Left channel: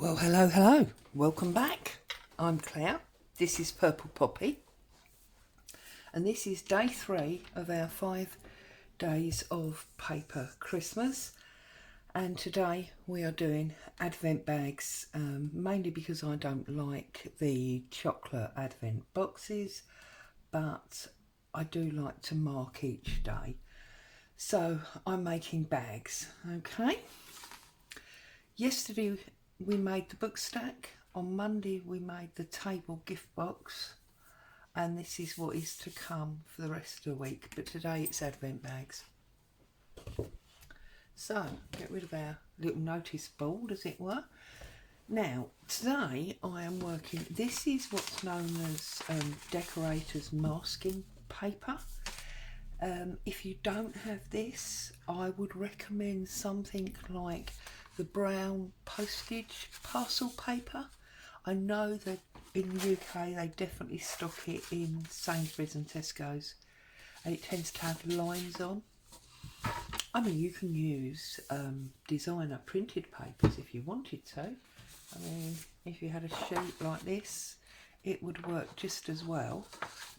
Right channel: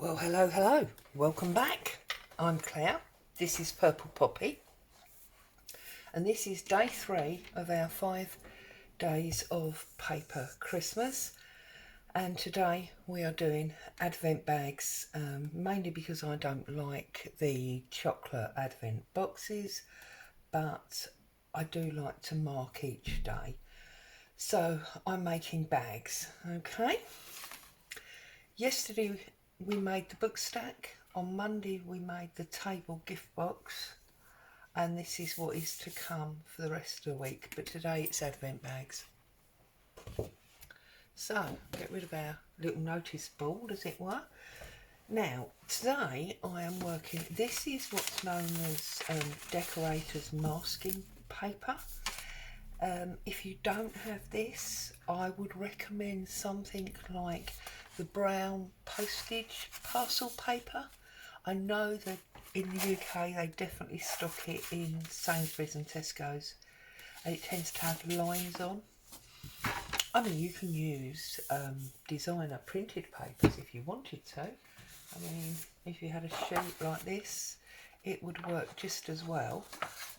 Well, hello. Welcome back. I'm Claire. This is Purple Poppy. And this is day 3 of our 5 days of paper Christmas. And today we are doing advent bags, mainly because I don't like the chocolate advent boxes, but I do like to mark each day. So I'm making bags, okay? Yesterday we made the book stack. On Monday we made the table gift box, and this is what is to come for the rest of the week, but today it's advent bags. So get rid of our little notice board, as it were. Now today I am working, this is what's known as decorators masking paper. If you don't have this, I would recommend something like the brown postage parcel paper. I know that in the UK they definitely stock it in Sainsbury's and Tesco's, and it tends to have lines on. I mean, you can use designer printed papers if you wanted to. I mean, if you had a sheet like this, it would work just as well,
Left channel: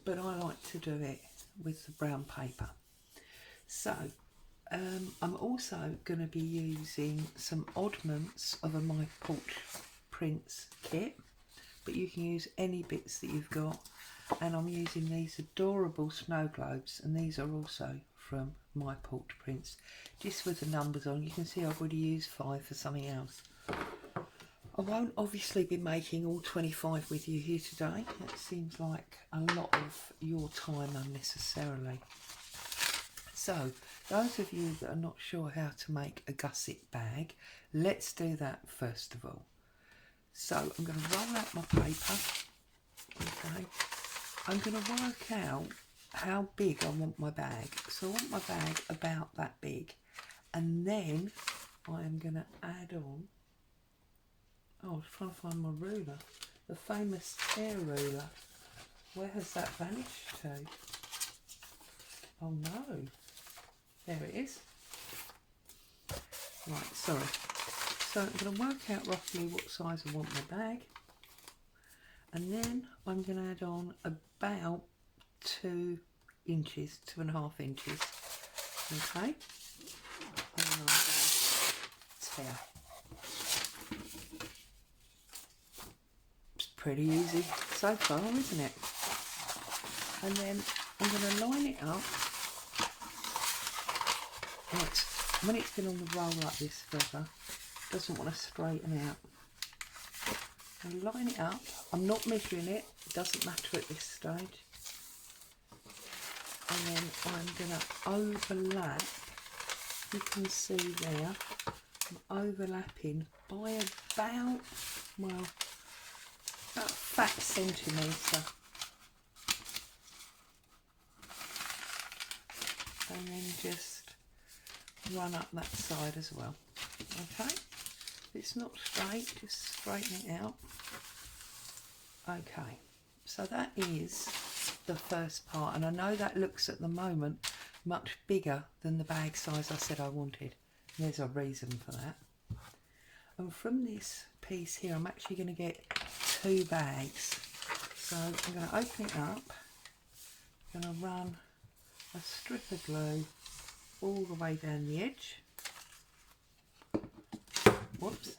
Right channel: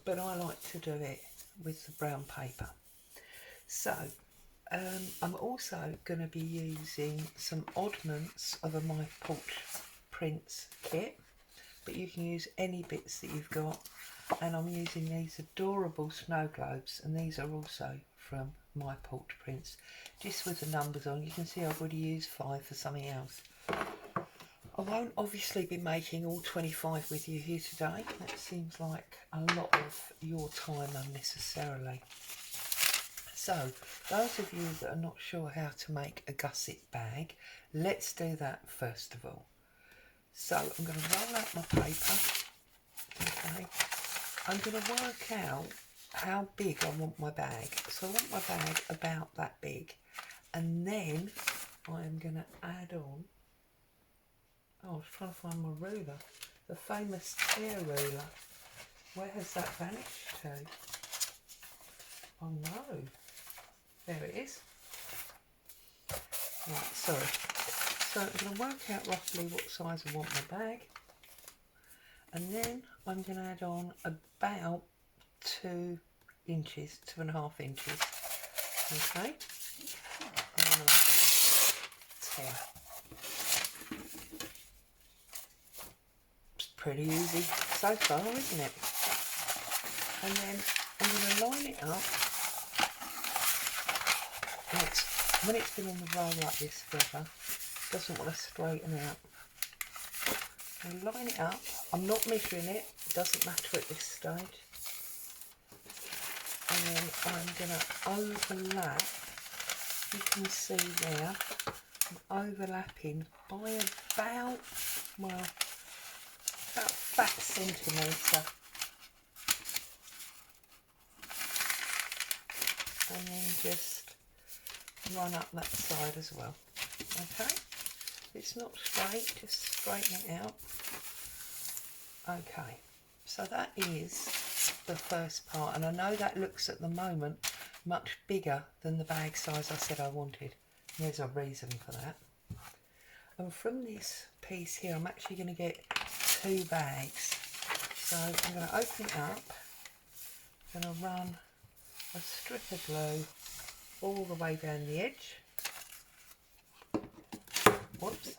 but I like to do it with the brown paper. So I'm also going to be using some oddments of a My Porch Prints kit, but you can use any bits that you've got, and I'm using these adorable snow globes, and these are also from My Porch Prints, just with the numbers on. You can see I've already used 5 for something else. I won't obviously be making all 25 with you here today. That seems like a lot of your time unnecessarily. So, those of you that are not sure how to make a gusset bag, let's do that first of all. So, I'm going to roll out my paper. Okay. I'm going to work out how big I want my bag. So, I want my bag about that big. And then I'm going to add on, I was trying to find my ruler, the famous tear ruler. Where has that vanished to? Oh no. There it is. Right, sorry. So I'm going to work out roughly what size I want my bag. And then I'm going to add on about 2 inches, 2.5 inches. Okay. And then I'm going to tear. It's pretty easy so far, isn't it? And then I'm going to line it up. When it's been on the roll like this forever, it doesn't want to straighten out. I'll line it up. I'm not measuring it, it doesn't matter at this stage. And then I'm going to overlap, you can see there, I'm overlapping by about that centimetre. And then just run up that side as well. Okay, it's not straight, just straighten it out. Okay, so that is the first part, and I know that looks at the moment much bigger than the bag size I said I wanted. And there's a reason for that. And from this piece here, I'm actually going to get 2 bags. So I'm going to open it up, I'm going to run a strip of glue all the way down the edge. Whoops.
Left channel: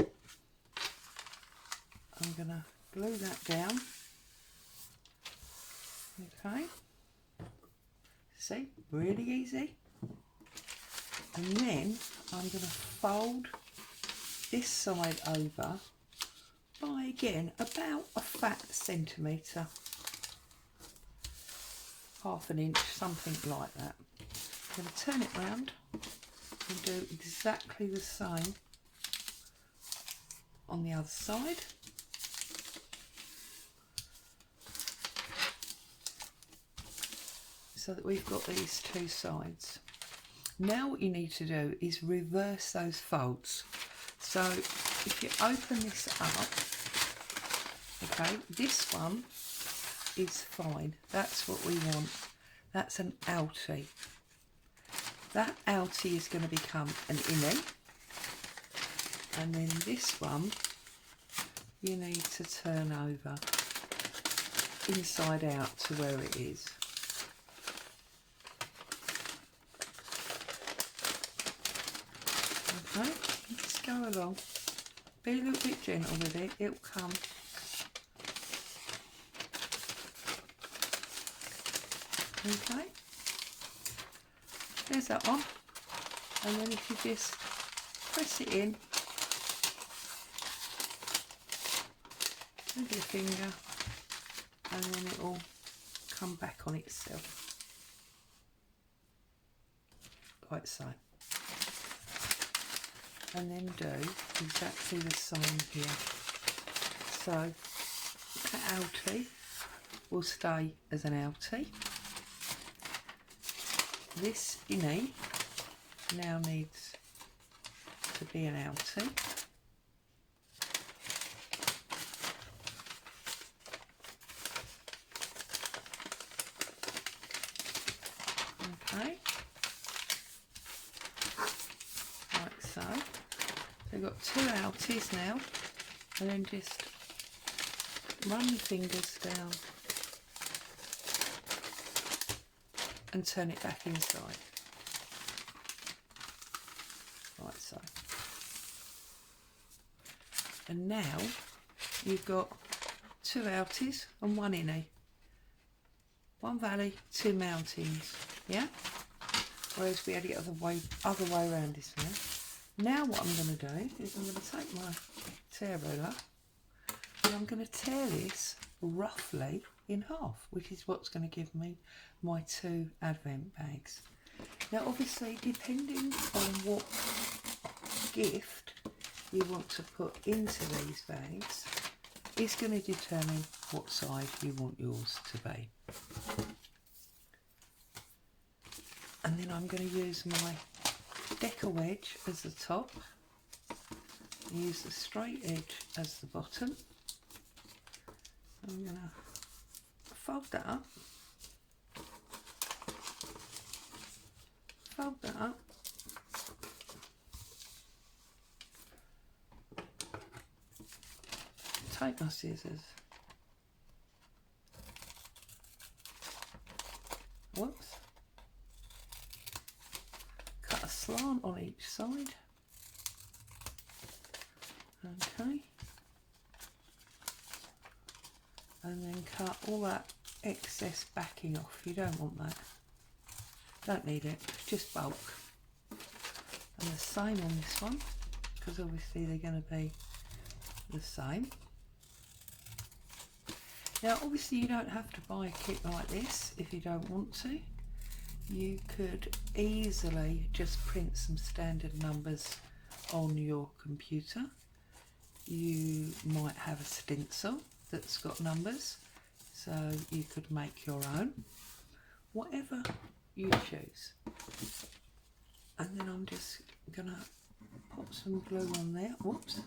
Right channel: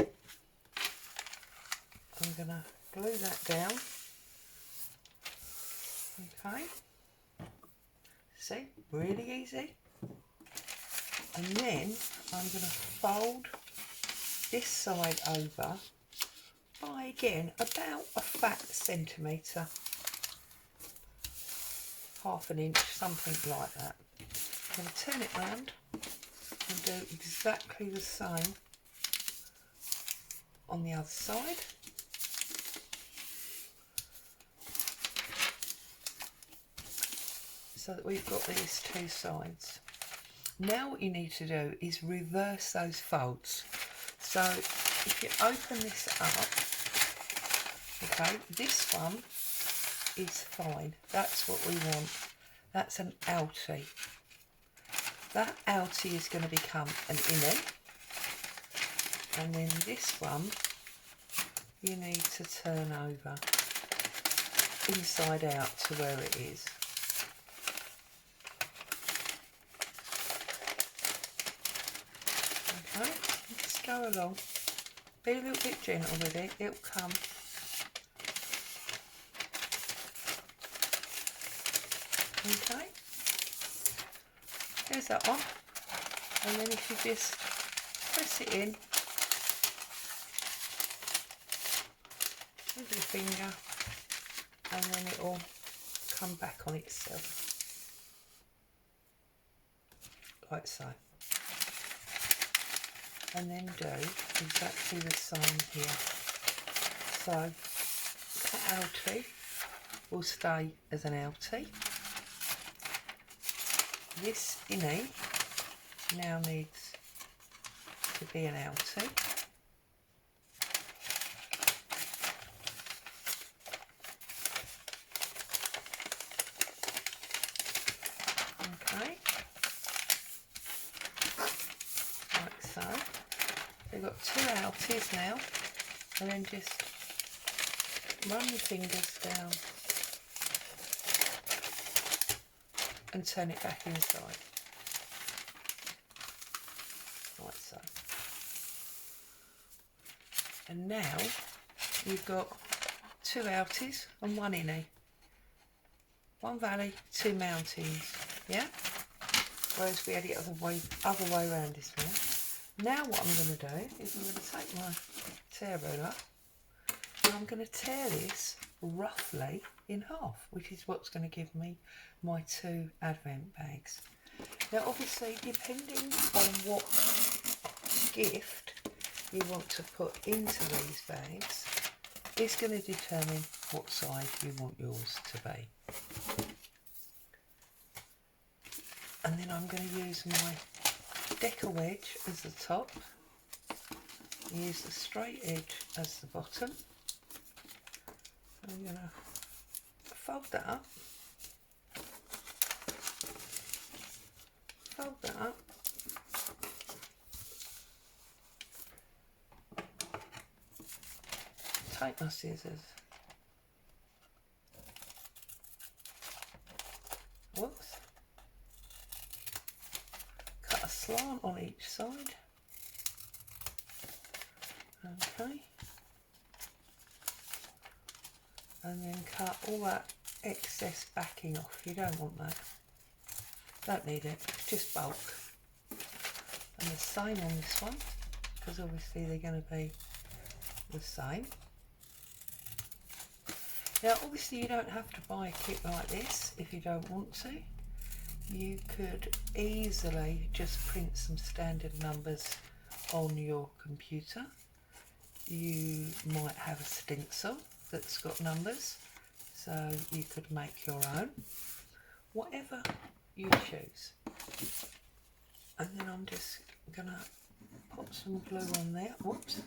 I'm going to glue that down. Okay. See, really easy. And then I'm going to fold this side over by, again, about a fat centimetre. Half an inch, something like that. I'm going to turn it round and do exactly the same on the other side. So that we've got these 2 sides. Now what you need to do is reverse those folds. So if you open this up, okay, this one is fine. That's what we want. That's an outie. That outie is going to become an innie, and then this one you need to turn over inside out to where it is. Okay, just go along. Be a little bit gentle with it, it'll come. Okay, here's that one. And then if you just press it in with your finger, and then it will come back on itself, like so. And then do exactly the same here. So the outie will stay as an outie. This innie now needs to be an outie. Okay, like so. We've got two outies now, and then just run your fingers down and turn it back inside, like so. And now you've got two outies and one innie. One valley, two mountains, yeah? Whereas we had it other way around this now. Now what I'm going to do is I'm going to take my tear ruler and I'm going to tear this roughly in half, which is what's going to give me my two advent bags. Now obviously, depending on what gift you want to put into these bags is going to determine what size you want yours to be. And then I'm going to use my decker wedge as the top, use the straight edge as the bottom. I'm going to fold that up, take my scissors, whoops, cut a slant on each side, okay, and then cut all that excess backing off. You don't want that, don't need it, it's just bulk. And the same on this one, because obviously they're going to be the same. Now obviously you don't have to buy a kit like this if you don't want to. You could easily just print some standard numbers on your computer. You might have a stencil that's got numbers, so you could make your own, whatever you choose. And then I'm just gonna put some glue on there, whoops,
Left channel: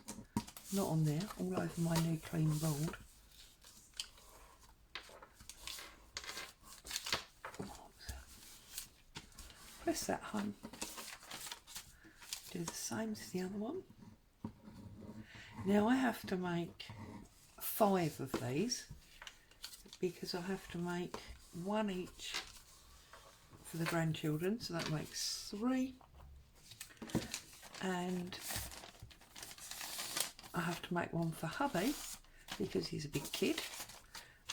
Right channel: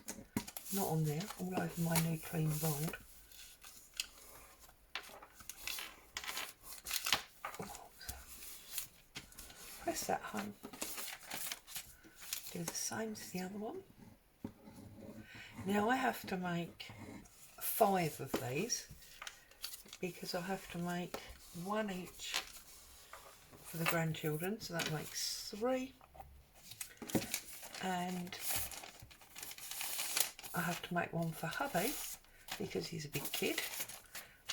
not on there, all over my new clean board. Press that home. Do the same as the other one. Now I have to make 5 of these because I have to make one each for the grandchildren, so that makes 3, and I have to make one for hubby because he's a big kid,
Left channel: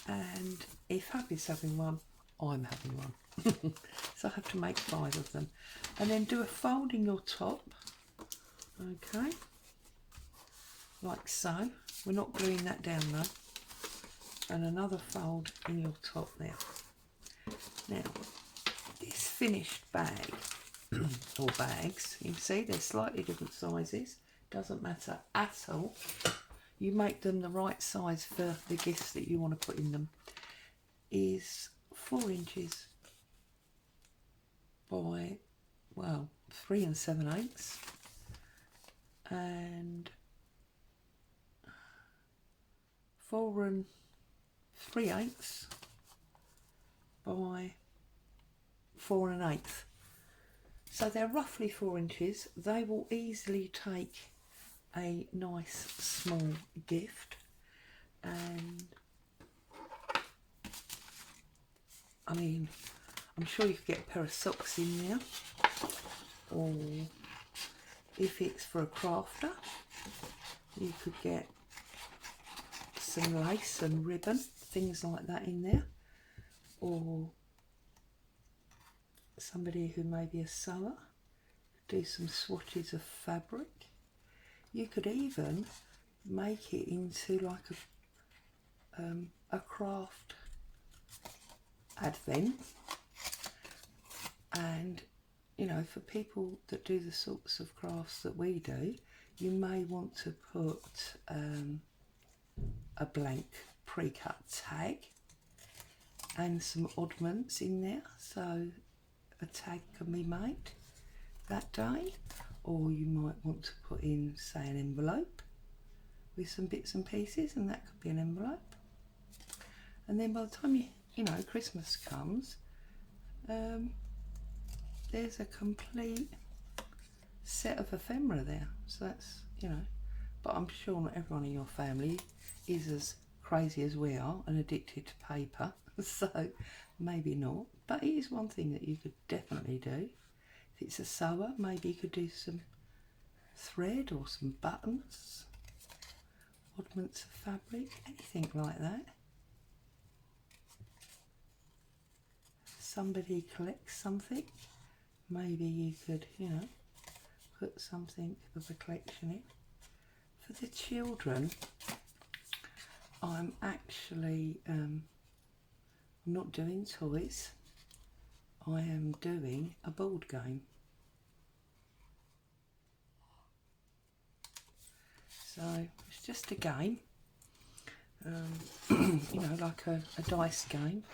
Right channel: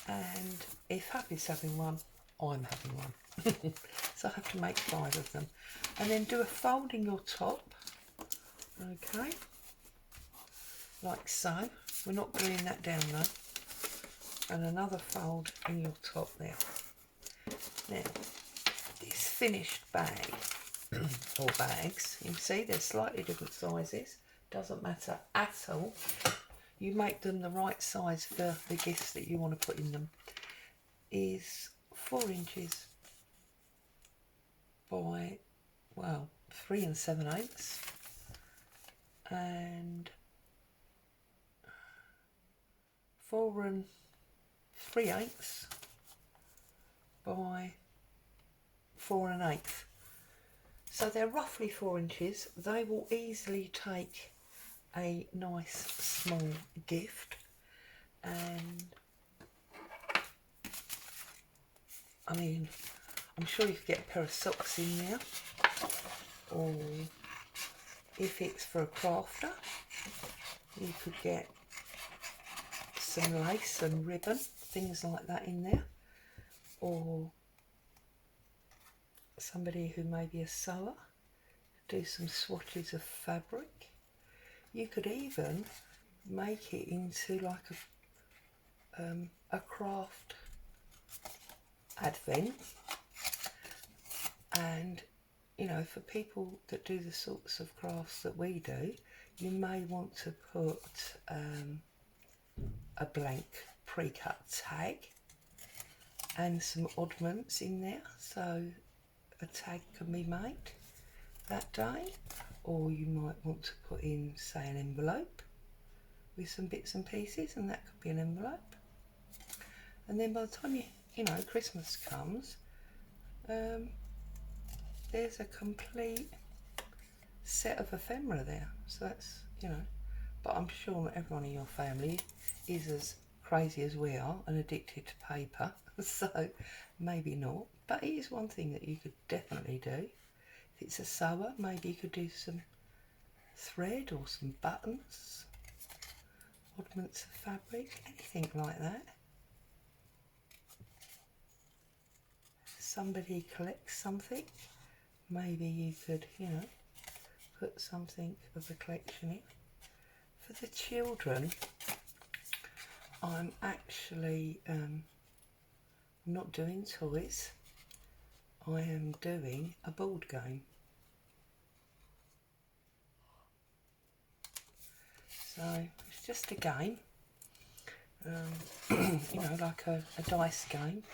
and if hubby's having one, I'm having one. So I have to make 5 of them, and then do a fold in your top, okay, like so. We're not gluing that down though, and another fold in your top there. Now this finished bag or bags, you can see they're slightly different sizes, doesn't matter at all. You make them the right size for the gifts that you want to put in them. Is 4 inches by, well, 3 7/8, and 4 3/8 by 4 1/8. So they're roughly 4 inches. They will easily take a nice small gift And I mean, I'm sure you could get a pair of socks in there, or if it's for a crafter, you could get some lace and ribbon, things like that in there, or somebody who may be a sewer, do some swatches of fabric. You could even make it into like a craft advent, and you know, for people that do the sorts of crafts that we do, you may want to put a blank pre-cut tag and some oddments in there, so a tag can be made that day. Or you might want to put in, say, an envelope with some bits and pieces, and that could be an envelope. And then by the time you know, Christmas comes, there's a complete set of ephemera there. So that's, you know, but I'm sure not everyone in your family is as crazy as we are and addicted to paper, so maybe not. But it is one thing that you could definitely do. If it's a sewer, maybe you could do some thread or some buttons, oddments of fabric, anything like that. Somebody collects something, maybe you could, you know, put something of a collection in. For the children, I'm actually not doing toys, I am doing a board game. So it's just a game, you know, like a dice game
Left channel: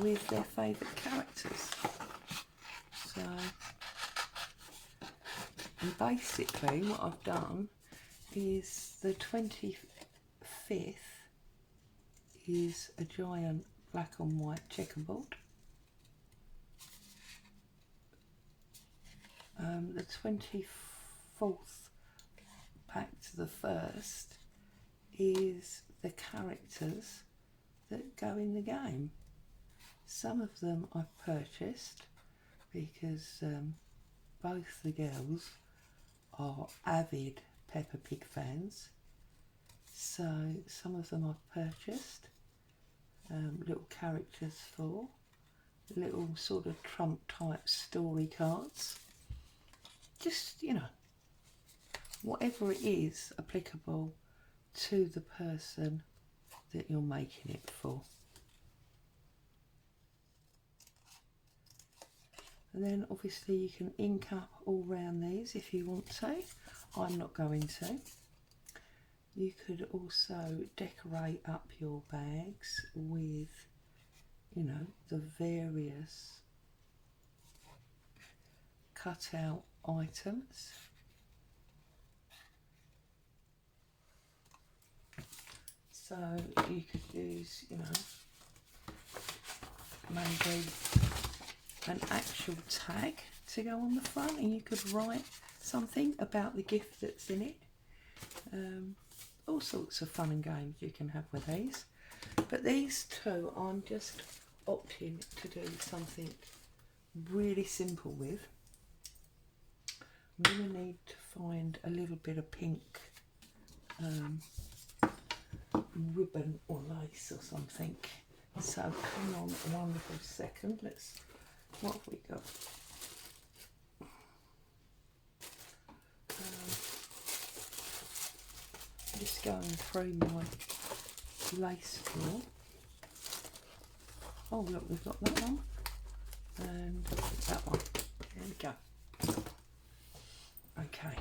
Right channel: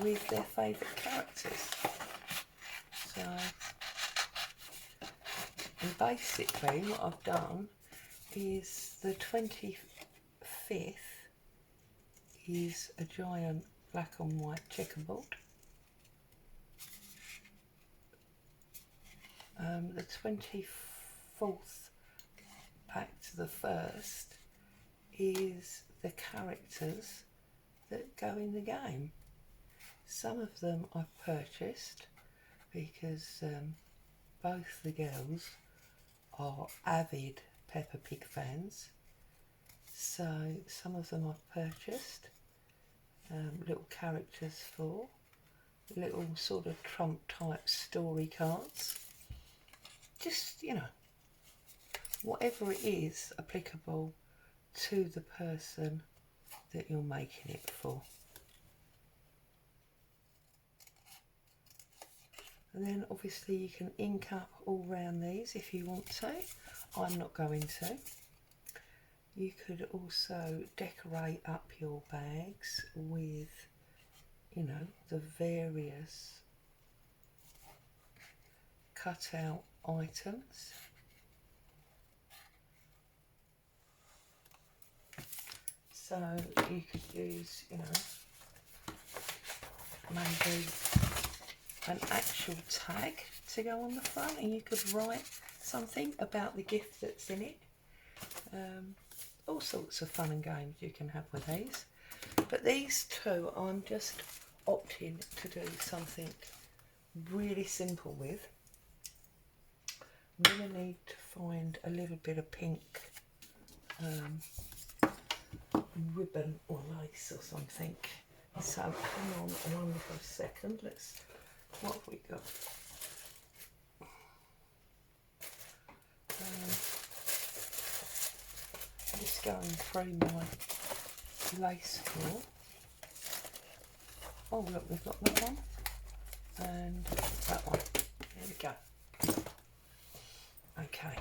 with their favourite characters. So, and basically what I've done is the 25th is a giant black and white checkerboard. The 24th back to the 1st is the characters that go in the game. Some of them I've purchased because both the girls are avid Peppa Pig fans, so some of them I've purchased, little characters for, little sort of trump type story cards, just, you know, whatever it is applicable to the person that you're making it for. And then obviously you can ink up all round these if you want to. I'm not going to. You could also decorate up your bags with, you know, the various cut out items. So you could use, you know, maybe an actual tag to go on the front, and you could write something about the gift that's in it. All sorts of fun and games you can have with these. But these two I'm just opting to do something really simple with. I'm going to need to find a little bit of pink ribbon or lace or something. So hang on one little second. What have we got? Just going through my lace drawer. Oh look, we've got that one and that one. There we go. Okay.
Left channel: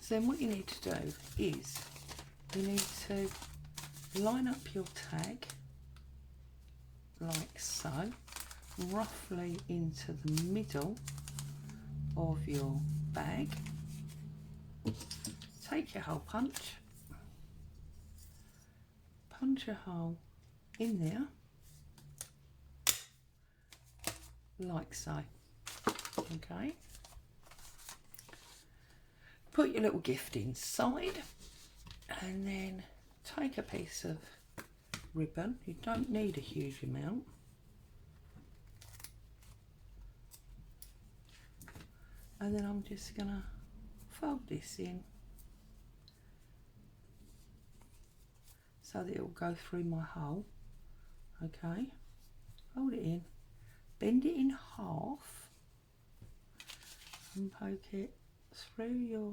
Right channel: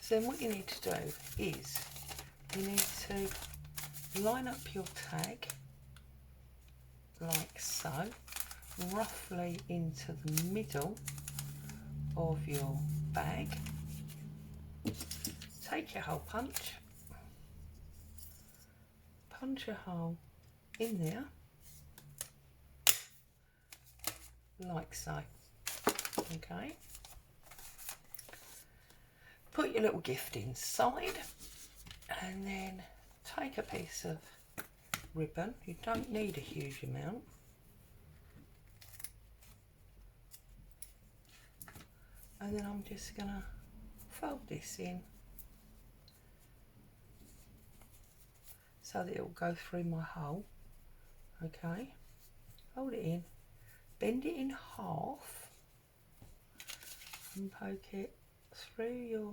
So then what you need to do is you need to line up your tag like so, roughly into the middle of your bag. Take your hole punch, punch a hole in there like so. Okay, put your little gift inside, And then take a piece of ribbon, you don't need a huge amount, and then I'm just going to fold this in so that it will go through my hole. Okay, hold it in, bend it in half and poke it through your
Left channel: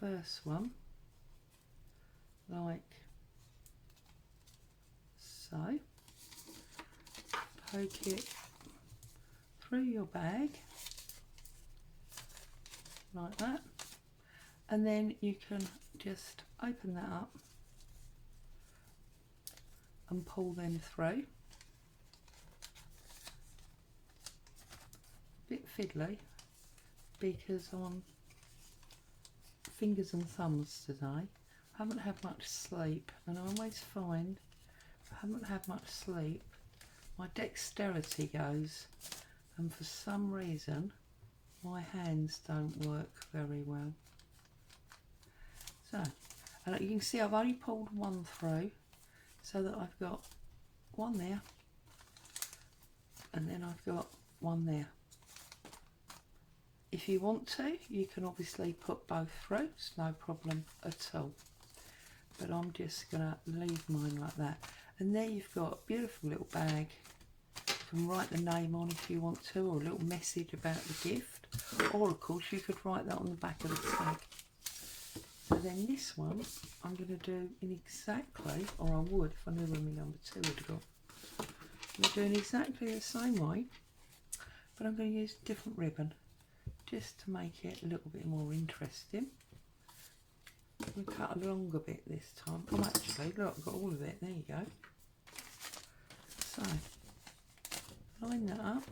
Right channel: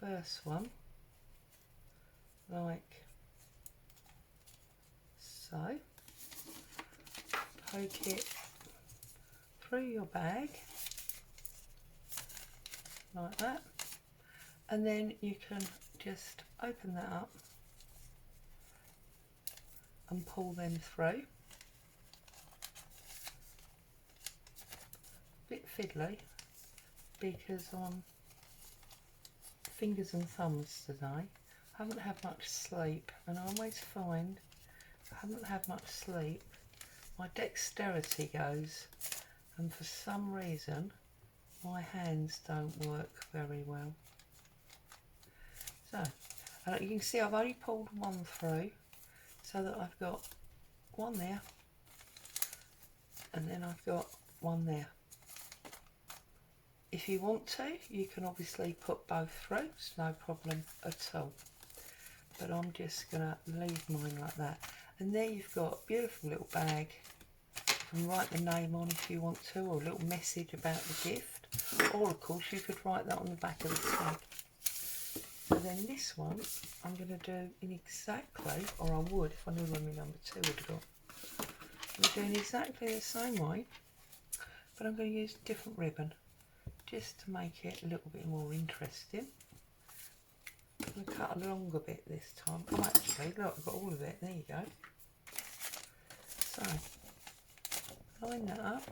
first one like so, poke it through your bag like that, and then you can just open that up and pull them through. Bit fiddly because I'm fingers and thumbs today. Haven't had much sleep, and I always find I haven't had much sleep, my dexterity goes, and for some reason my hands don't work very well. So you can see I've only pulled one through, so that I've got one there and then I've got one there. If you want to, you can obviously put both through, it's no problem at all, but I'm just going to leave mine like that. And there you've got a beautiful little bag. You can write the name on if you want to, or a little message about the gift, or of course you could write that on the back of the tag. And then this one I'm going to do in exactly, or I would if I knew where my number 2 would have got. I'm doing exactly the same way, but I'm going to use different ribbon just to make it a little bit more interesting. I'm going to cut a longer bit this time. Oh, actually, look, I've got all of it. There you go. So, line that up.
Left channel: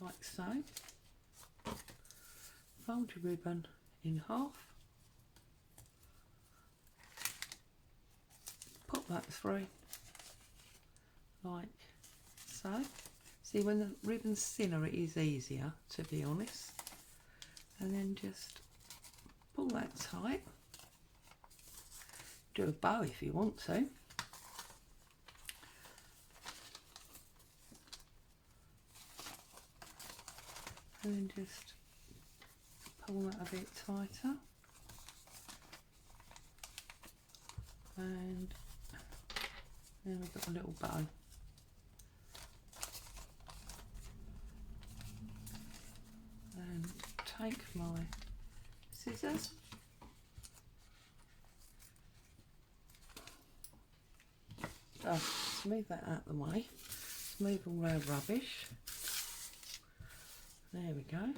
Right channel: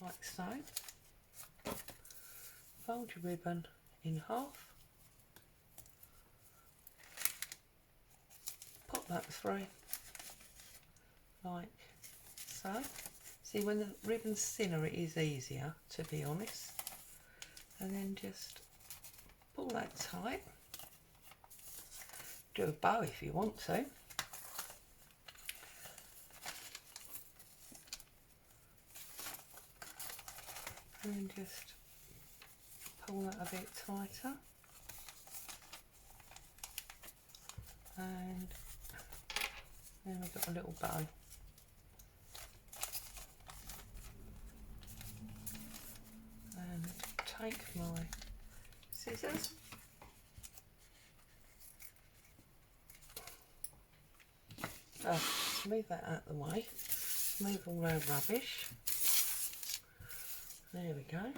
Like so. Fold your ribbon in half. Pop that through like so. See, when the ribbon's thinner it is easier, to be honest. And then just pull that tight. Do a bow if you want to. And then just pull that a bit tighter. And then we've got a little bow. And take my scissors. Move that out of the way. Move all our rubbish. There we go.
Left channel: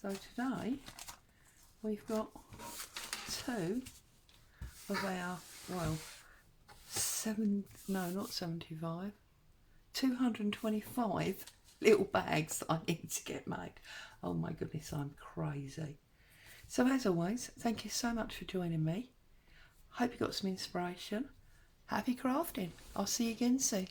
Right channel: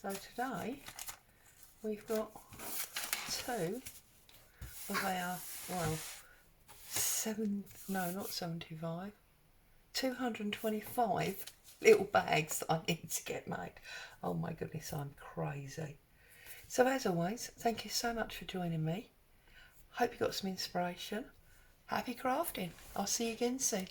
So today we've got 2 of our, well, 225 little bags that I need to get made. Oh my goodness, I'm crazy. So as always, thank you so much for joining me. Hope you got some inspiration. Happy crafting. I'll see you again soon.